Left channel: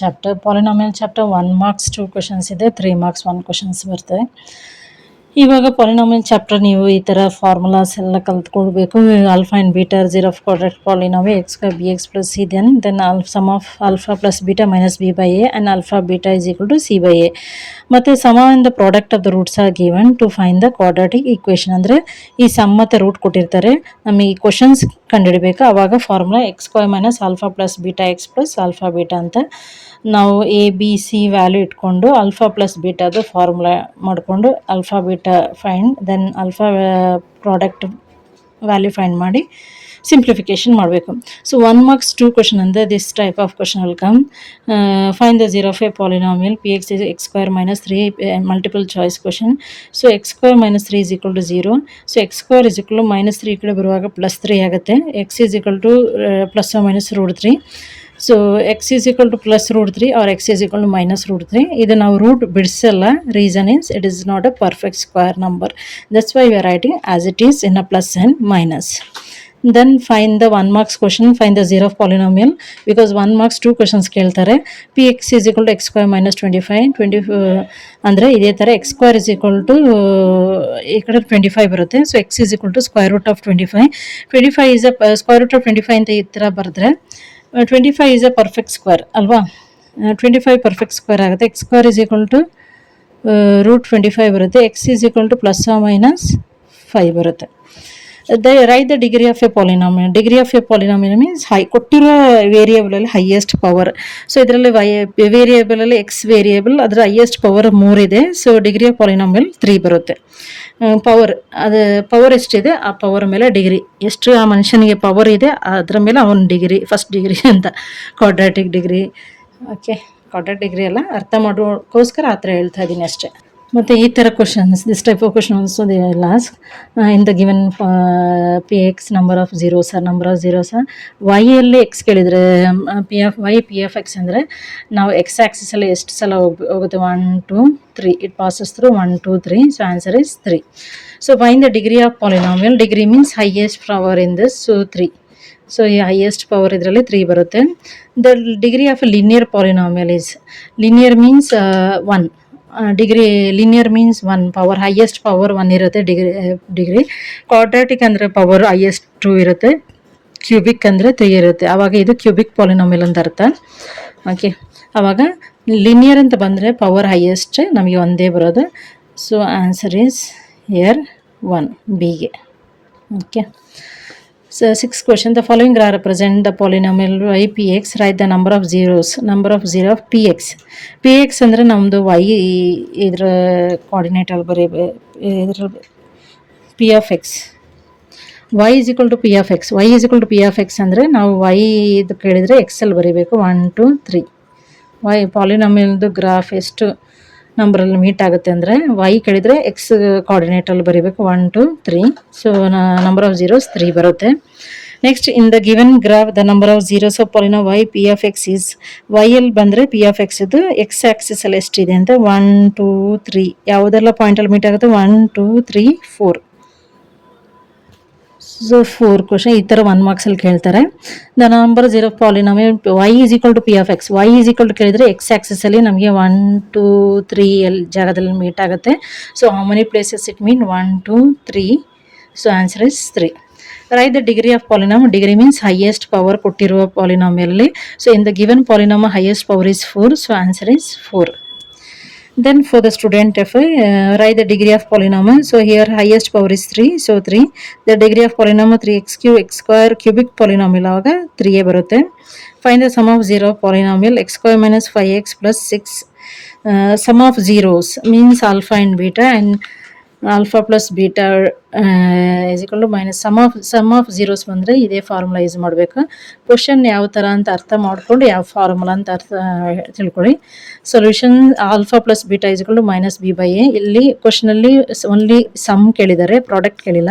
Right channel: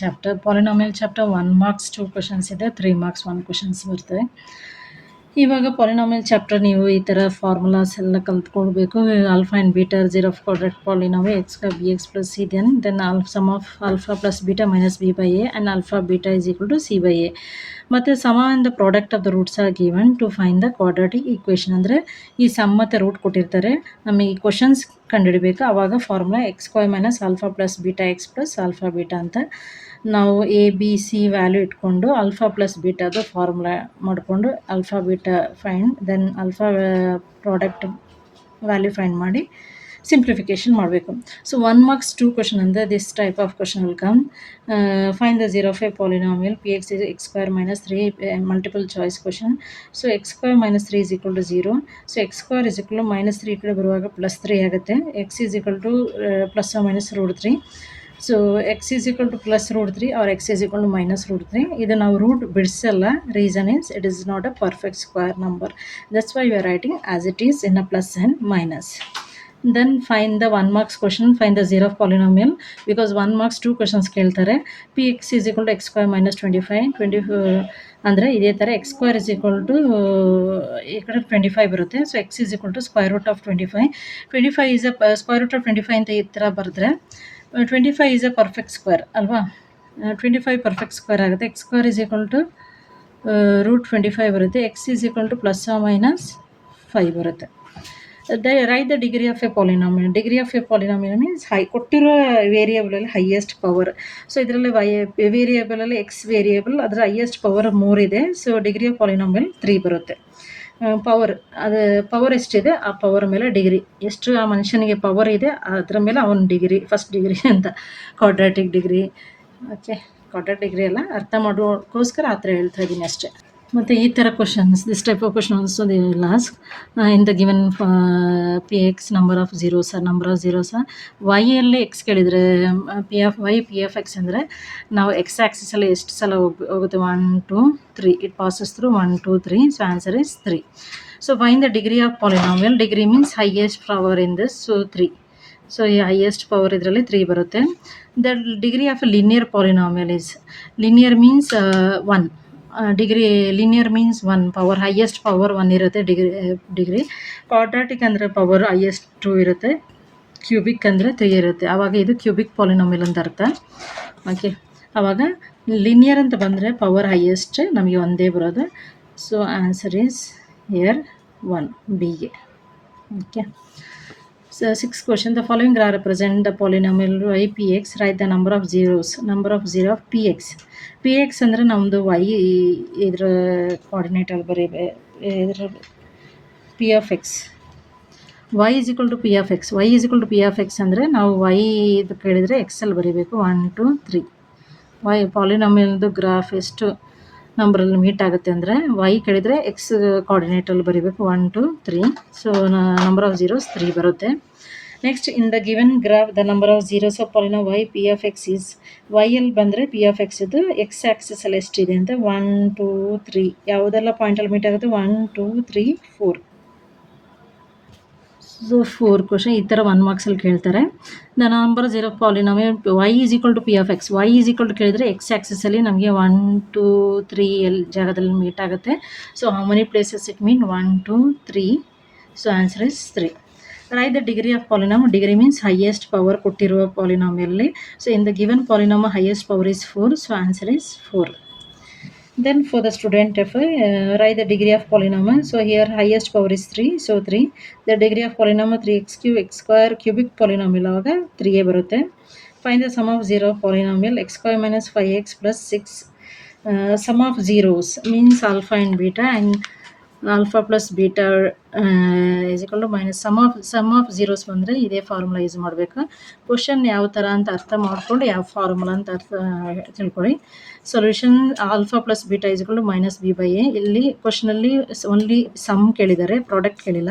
Chapter polynomial chapter 1 marks 2 questions ಇದೆ, 3 marks 1 questions ಬರ್ತವೆ. ಇವಾಗ ಪಾಲಿನಾಮಿಯಲ್ ಚಾಪ್ಟರ್ ನೀವು ಈ ಥರ ಫಾರ್ಮುಲಾಸ್ ಎಲ್ಲ ಕಲ್ತ್ಕೊಳ್ಬೇಕು. Alpha and beta zero of quadratic polynomial x square b x plus c then sum of alpha plus beta minus b by a and alpha beta is equal to c by a. ಮತ್ತು sum and the product of the roots are given to find the quadratic equation. ಅಂದರೆ ಈ some ಮತ್ತು root ಕೊಟ್ಟಿರ್ತಾರೆ, ನಮಗೆ ಈ questions ಕಂಡುಹಿಡಬೇಕು. ಆವಾಗ formula x square minus alpha plus beta x plus alpha beta ಅಂತ ನಾವು ಎ ಬಿ ಸಿ ವ್ಯಾಲ್ಯೂ ಇಟ್ಕೊಂಡು ಆಲ್ಫಾ ಪ್ಲಸ್ ಬೀಟಾದು ಫಾರ್ಮುಲಾ ಮಾಡಿಕೊಂಡು alpha beta find then alpha product value find ಮಾಡಿ ಸಿಂಪ್ಲಿಫಿಕೇಶನ್ ಮಾಡಬೇಕು. ಸೊ 1 ಮಾರ್ಕ್ಸ್ 2 ಕ್ವಶನ್ ಅಂದರೆ this type of question will come. Find the zero of a polynomial p x is x square minus 3 multiple choice question. So x square minus 3 is equal to 0. So x square is equal to minus 3 ಈ ಕಡೆ ಬರುವಾಗ plus 3 ಆಗುತ್ತೆ. X is equal to plus minus root 3. So x is equal to plus root 3 or x is equal to minus root 3. ಇದು ನಾವು root ಬಿಡಿಸಲ್ಲ. Reason is it is not a perfect square number. That's why we are writing as it is in a plus and minus. Then find the 1 marks question, find the zero of polynomial, because 1 marks 2 questions ಕೇಳ್ತಾರೆ. px is equal to x square minus 25 ಅಂದರೆ ಇದೇ ಥರ x square is equal to ಈ ಕಡೆ 25 ಬರುತ್ತೆ. So x is equal to square root of 25. 25 is a square root of 25 ಅಂತ ಈ ಥರ ಬರೆದ್ರೆ 25 is a perfect square ಅಲ್ವಾ. 25 perfect square ಆಗುತ್ತೆ. x square is equal to root 25 ಬರುತ್ತೆ. x is equal to plus or minus 5 ಬರುತ್ತೆ. Right the degree of a polynomial. Degree of a polynomial means ಕೊಟ್ಟಿರೋ ವೇರಿಯೇಬಲಲ್ಲಿ highest power. So ಇದರಲ್ಲಿ ವೇರಿಯೇಬಲಲ್ಲಿ X variable ಅದರ highest power 3 ಇದೆ. So degree of polynomial 3 ಬರುತ್ತೆ. Power ಅದು power ಎಷ್ಟಿದೆ ಆ power ಮೇಲೆ ಡಿಗ್ರಿ, ಎಷ್ಟು ಆ ಮನುಷ್ಯನಿಗೆ ಪವರ್ ಇದೆ ಅದರ ಮೇಲೆ ಅವನ ಡಿಗ್ರಿ, ಫಸ್ಟ್ ಡಿಗ್ರಿ ಅಂತ quadratic degree. Okay, quadratic degree ಎಲ್ಲ ಅರ್ಥ ಮಾಡೋಕ್ಕೋಸ್ಕರ ಆ ಥರ ಹೇಳ್ತಾ ಇದ್ದೀನಿ ಅಷ್ಟೇ. ಮತ್ತು ಈ ಥರ questions, this type of question also they will ask in the given p x number of zeros or number of zeros. ವೈಯಲ್ಲಿ ಎಕ್ಸ್ ಕೇಳಿದರೆ p of y p of x ಅಂದರೆ ನಾವು ಎಕ್ಸ್ ಆ್ಯಕ್ಸಿಸಲ್ಲಿ ಎಷ್ಟು ಸಲ ಹೋಗುತ್ತೆ 1 2 3 it passes through 1 2 3. So answer is 3. So find the degree of polynomial. Degree means highest power in this. So 3. So ಈ highest power ಇದರಲ್ಲಿ 3 ಬರುತ್ತೆ. The degree of linear polynomial is, linear means 1. Degree linear means 1 power, highest power 1 ಇರುತ್ತೆ degree. Quadratic ಅಂದರೆ power highest 2 ಇರುತ್ತೆ. Cubic ಅಂದರೆ 3 ಇರುತ್ತೆ. ಆವಾಗ ಇದು ಕ್ಯೂಬಿಕ್ ಪಾಲಿನಾಮಿಯಲ್ ಅಂತ ಅರ್ಥ. ಓಕೆ, ಆವಾಗ ಲಿನಿಯರ್ ಅಂತ ಬಂದರೆ ಪವರ್ ಹೈಯೆಸ್ಟ್ ನಮಗೆ ಒಂದೇ ಬರೋದು. ಸೊ ಆನ್ಸರ್ ಈಸ್ ಹಿಯರ್ 1 ಬಿಗೆ. Okay. So 6th question, the following represent the polynomial y px. Write the number of zeros. Number of zero of px. px ಅಂದರೆ ನಮ್ಮದು y ಇದರ ಕೋಆರ್ಡಿನೇಟಲ್ಲಿ ಇದರ p of x. y is equal to p of x. y is equal to p of x ಅಂದರೆ ನಾವು y ಇದು ಕೇಳಿದರೆ ಎಕ್ಸಲ್ಲಿ ಬರೀಬೇಕು 1 2 3. y ಪಾಲಿನಾಮಿಯಲ್ದು graph ಎಷ್ಟು ನಂಬರಲ್ಲಿ ಮೀಟ್ ಆಗುತ್ತೆ ಅಂದರೆ ವೈ ಕೇಳಿದರೆ ಎಕ್ಸ್ ಕೋಆರ್ಡಿನೇಟಲ್ಲಿ ಬರೀಬೇಕು 1 2 3. ಸೊ ನಂಬರ್ ಆಫ್ ಝೀರೋಸ್ 3 ಬರುತ್ತೆ. Next in the given graph the number of zeros of polynomial y p of x is, ವೈಯಲ್ಲಿ ಬಂದರೆ ಪಿ ಆಫ್ ಎಕ್ಸ್ ಇದು ಎಕ್ಸ್ ಆ್ಯಕ್ಸಿಸಲ್ಲಿ ಎಷ್ಟಿದೆ ಅಂತ 1 2 3 ಯಾವುದೆಲ್ಲ ಪಾಯಿಂಟಲ್ಲಿ ಮೀಟ್ ಆಗುತ್ತೆ 1 2 3 4. ಸೊ 4 ಕ್ವಶನ್ ಈ ಥರ 1 ಮಾರ್ಕ್ಸಲ್ಲಿ ಕೇಳ್ತಾರೆ. The number zero polynomial y is equal to p of x. Y is equal to ಕೇಳಿದರೆ ಎಕ್ಸ್ ಆ್ಯಕ್ಸಿಸಲ್ಲಿ ನಮಗೆ 1 2 3 ಜಾಗದಲ್ಲಿ ಮೀಟ್ ಆಗುತ್ತೆ. So how many places it mean 1 2 3. So answer is 3. Right the degree of polynom. Degree means highest power ಕೊಟ್ಟಿರುವ ಪಾಲಿನಾಮಿಯಲ್ಲಿ. So in the given polynom highest power is 4. So answer is 4. Then for the student f, write the degree of polynomial. So here highest power is 3. So 3. The degree of polynomial 3x cube x square cubic polynomial ಆಗ 3 ಬರುತ್ತೆ. Find the sum of zero of polynomial x square minus 5x plus 6. Sum of zeros means alpha and beta, and alpha plus beta is equal to minus sum of zeros ಬಂದರೆ ಇದೇ formula use ಮಾಡಬೇಕು. Question ಯಾವ ಥರ ಅಂತ ಅರ್ಥ ಮಾಡಿಕೊಂಡು ಯಾವ formula ಅಂತ ತಿಳ್ಕೊಳ್ಳಿ. Solution alpha plus beta is equal to minus b by a. ಇಲ್ಲಿ ಕ್ವಶನಲ್ಲಿ ಓನ್ಲಿ ಸಮ್ ಕೇಳಿದ್ದಾರೆ, ಪ್ರಾಡಕ್ಟ್ ಕೇಳಿಲ್ಲ.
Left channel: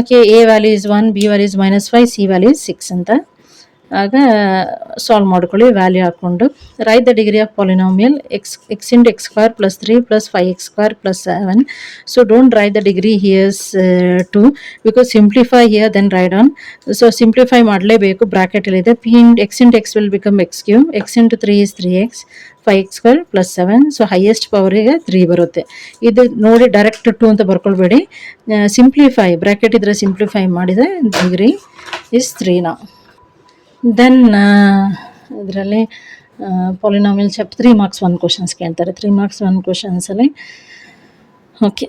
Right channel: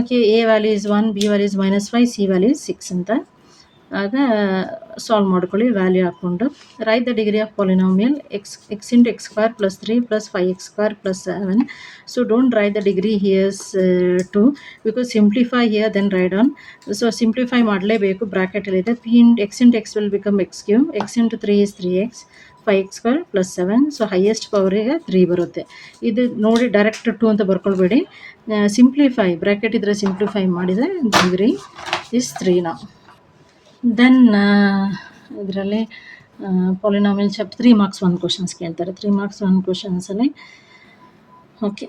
Okay, a value is 1, b value is -5, c value is 6 ಅಂತ. ಆಗ ಸಾಲ್ವ್ ಮಾಡ್ಕೊಳ್ಳಿ ವ್ಯಾಲ್ಯೂ ಹಾಕ್ಕೊಂಡು. Right the degree of polynomial x into x square plus 3 plus 5x square plus 7. So don't write the degree here's 2 because simplify here then write on. So simplify ಮಾಡಲೇಬೇಕು, ಬ್ರಾಕೆಟಲ್ಲಿದೆ. X into x will become x cube, x into 3 is 3x, 5x square plus 7. So highest ಪವರಿಗೆ 3 ಬರುತ್ತೆ. ಇದು ನೋಡಿ direct 2 ಅಂತ ಬರ್ಕೊಳ್ಬೇಡಿ, simplify bracket ಇದ್ರೆ simplify ಮಾಡಿದರೆ ಡಿಗ್ರಿ ಇಸ್ 3 ನಾವು. ದೆನ್ ಇದರಲ್ಲಿ ಪಾಲಿನಾಮಿಯಲ್ ಚಾಪ್ಟರ್ 3 marks 1 questions ಕೇಳ್ತಾರೆ. 3 marks 1 questionsಲ್ಲಿ okay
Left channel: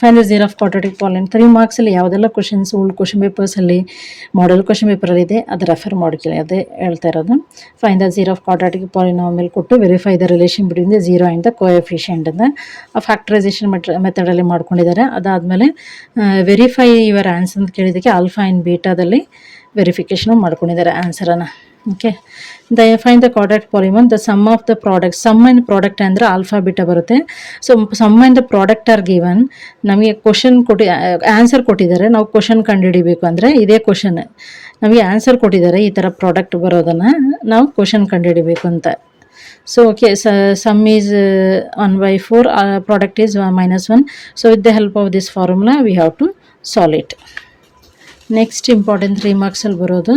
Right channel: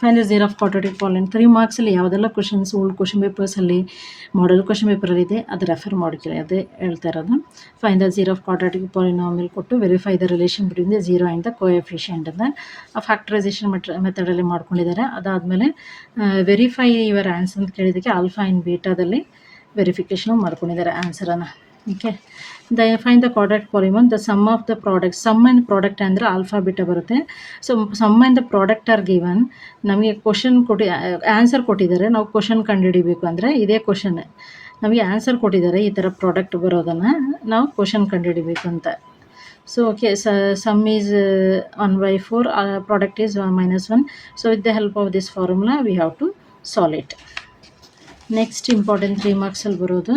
find the zero of quadratic polynomial. 3 marksಲ್ಲಿ ಯಾವುದೆಲ್ಲ ಕ್ವಶನ್ಸ್ ಓಲ್ಡ್ ಕ್ವಶನ್ ಪೇಪರ್ಸಲ್ಲಿ ಮಾಡೆಲ್ ಕ್ವಶನ್ ಪೇಪರಲ್ಲಿದೆ ಅದು ರೆಫರ್ ಮಾಡ್ಕೊಳ್ಳಿ, ಅದೇ ಹೇಳ್ತಾ ಇರೋದು. Find the zero of quadratic polynomial ಕೊಟ್ಟು verify the relation between the zero and the coefficient ಅಂತ ಫ್ಯಾಕ್ಟರೈಸೇಷನ್ ಮೆಥಡಲ್ಲಿ ಮಾಡ್ಕೊಂಡಿದ್ದಾರೆ. ಅದಾದಮೇಲೆ ವೆರಿಫೈ ಯುವರ್ ಆನ್ಸರ್ ಅಂತ ಕೇಳಿದ್ದಕ್ಕೆ ಆಲ್ಫಾ ಆ್ಯಂಡ್ ಬೀಟಾದಲ್ಲಿ ವೆರಿಫಿಕೇಷನ್ ಮಾಡ್ಕೊಂಡಿದ್ದಾರೆ ಆನ್ಸರನ್ನು. Okay, find the quadratic polynomial. The sum of the product, sum and product ಅಂದರೆ ಆಲ್ಫಾ ಬೀಟಾ ಬರುತ್ತೆ. So sum and the product are given. ನಮಗೆ ಕ್ವಶನ್ ಆನ್ಸರ್ ಕೊಟ್ಟಿದ್ದಾರೆ, ನಾವು ಕ್ವಶನ್ ಕಂಡುಹಿಡಿಬೇಕು ಅಂದರೆ ಇದೇ ಕ್ವಶನ್. ನಮಗೆ ಆನ್ಸರ್ ಕೊಟ್ಟಿದ್ದಾರೆ ಈ ಥರ ಪ್ರಾಡಕ್ಟ್ ಬರೋದನ್ನು ನಾವು ಕ್ವಶನ್ ಕಂಡುಹಿಡಿಬೇಕು ಅಂತ. So okay, sum is 1/4, product is -1. So with the help of this formula we have to solve it. Next important 3 marksಲ್ಲಿ ಬರೋದು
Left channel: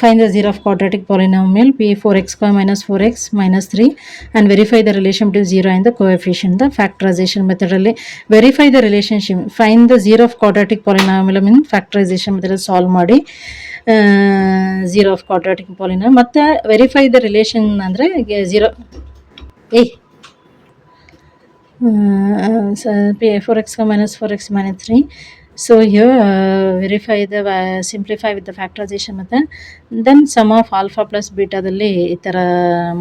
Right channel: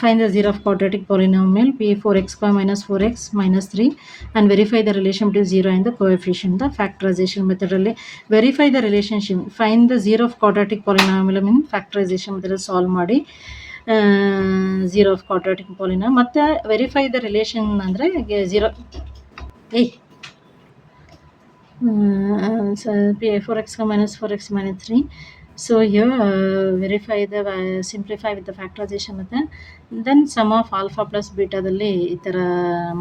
find the zero of quadratic polynomial P 4x square minus 4x minus 3 and verify the relation between 0 and the coefficient. The factorization methodally verify the relationship. Find the zero of quadratic polynomial mean factorization method solve ಮಾಡಿ zero of quadratic polynomial. ಮತ್ತು verify the relation ಅಂದರೆ zero 4x minus 4x minus 3. So here verify the simplify with the factorization method. Then sum of alpha plus beta ದಲ್ಲಿ ಈ ಥರ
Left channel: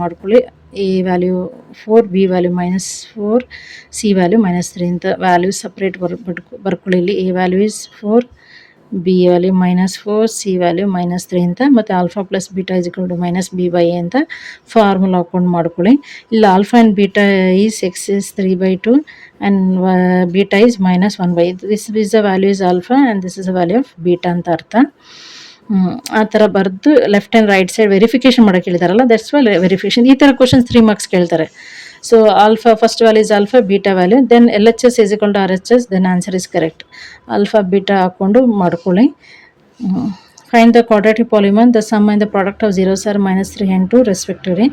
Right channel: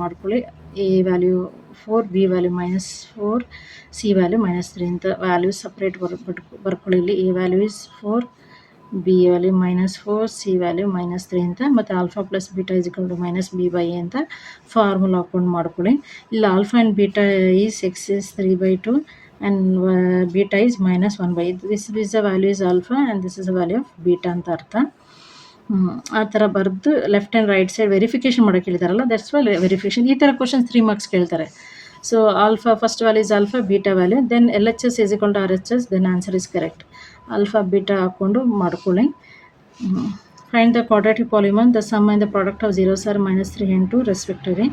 ಮಾಡ್ಕೊಳ್ಳಿ. a value 4, b value -4, c value -3 ಅಂತ value separate ಬರ್ಕೊಳ್ಳಿ. ಇಲ್ಲಿ a value is 4, b value -4, c value -3 ಅಂತ, ಮತ್ತು alpha plus beta is equal to -b/a ಅಂತ ಫಾರ್ಮುಲಾ ಹಾಕೊಂಡು ಮಾಡ್ಕೊಳ್ಳಿ. ಇಲ್ಲಿ alpha and beta is x is 3/2 and beta is -1/. this is the value is alpha and this is the value of beta ಅಂತ ಅರ್ಥ. ಆ ಥರ ಬರೆದು left and right side verification ಮಾಡೋಕ್ಕೆ ಹೇಳಿದಾರಲ್ಲ, ದಟ್ಸ್ ವೈ ವೆರಿಫಿಕೇಷನ್. ಈ ಥರ ಕ್ವಶನ್ಸ್ 3 marks ಕೇಳ್ತಾರೆ. So alpha first value is alpha, beta value, then LHS is equal to RHS, then answer is correct. Alpha beta ಹಾಕ್ಕೊಂಡು ಮಾಡ್ಕೊಳ್ಳಿ. Find the quadratic polynomial. The sum and the product of zeros are -3 and 2 respectively.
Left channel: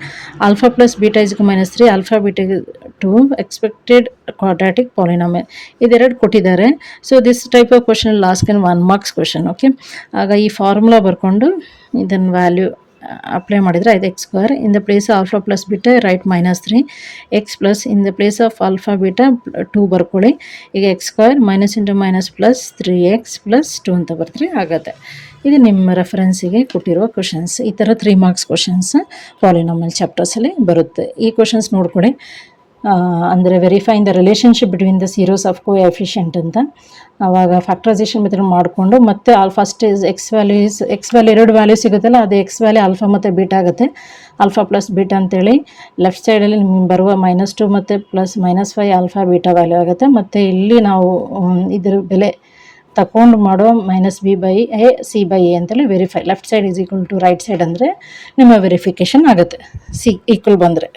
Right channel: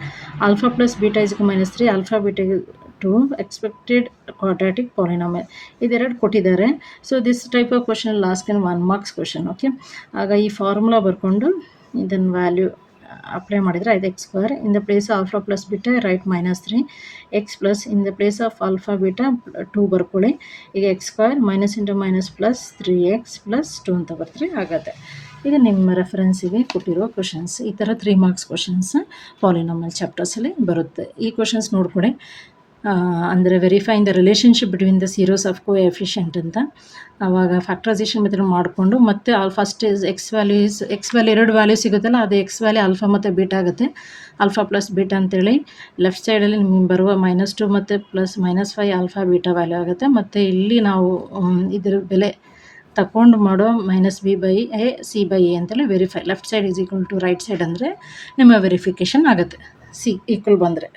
Alpha plus beta is equal to -3, alpha beta 2 expected quadratic polynomial. ಇದೆರಡು ಕೊಟ್ಟಿದ್ದಾರೆ. So this type of question lost in 1 marks question. Okay, ಆಗ ಈ formula ಬರ್ಕೊಂಡು ಇದನ್ನು value apply ಮಾಡಿದರೆ ಇದು x square. In the place alpha plus beta right -3, x plus in the place of alpha beta 2 ಬರ್ಕೊಳ್ಳಿ. ಈಗ x square minus into minus plus 3x plus 2 ಅಂತ ಬರ್ತಾರೆ ಆಗುತ್ತೆ. ಇದು ನಿಮ್ಮ ರೆಫರೆನ್ಸಿಗೆ ಕೊಟ್ಟಿರೋ ಕ್ವಶನ್ಸ್. ಈ ಥರ 3 marks ಕ್ವಶನ್ಸ್ ಪಾಲಿನಾಮಿಯಲ್ ಚಾಪ್ಟರ್ಸಲ್ಲಿ ಬರುತ್ತೆ. ಈ ಕ್ವಶನ್ಸ್ ನೋಡ್ಕೊಡಿ. ಅಂದರೆ verifying the relationship between the zeros of coefficient ಅಂತ. ಆವಾಗ ಫ್ಯಾಕ್ಟರೈಸೇಷನ್ ಮೆಥಡ್ ಮಾಡಿಕೊಂಡು ಮತ್ತೆ first is x value 2 value ಸಿಗುತ್ತಲ್ಲ, ಅದು ಎಕ್ಸ್ ವ್ಯಾಲ್ಯೂ ಆಲ್ಫಾ ಮತ್ತು ಬೀಟಾ ಆಗುತ್ತೆ. ಆಲ್ಫಾ ಪ್ಲಸ್ ಬೀಟಾ ಅಂತೇಳಿ ಲೆಫ್ಟ್ ಸೈಡಲ್ಲಿ ನಿಮ್ಗೆ ಬರುವ -2 ಮತ್ತು ಪ್ಲಸ್ -5 ಆಲ್ಫಾ ಬೀಟಾ ವ್ಯಾಲ್ಯೂ ಆಗುತ್ತೆ. ಮತ್ತು ಇಲ್ಲಿ ನಾವು ಇದ್ರ ಬೆಲೆ ತಗೊಂಡು ಮಾಡೋ -b/a c/a ಅಂತೇಳಿ verify. Left side is equal to right side ಅಂದರೆ ನಿಮ್ಮ ವೆರಿಫಿಕೇಷನ್ ಆಗುತ್ತೆ. ಸಿ ಈಕ್ವಲ್ ಬಂದರೆ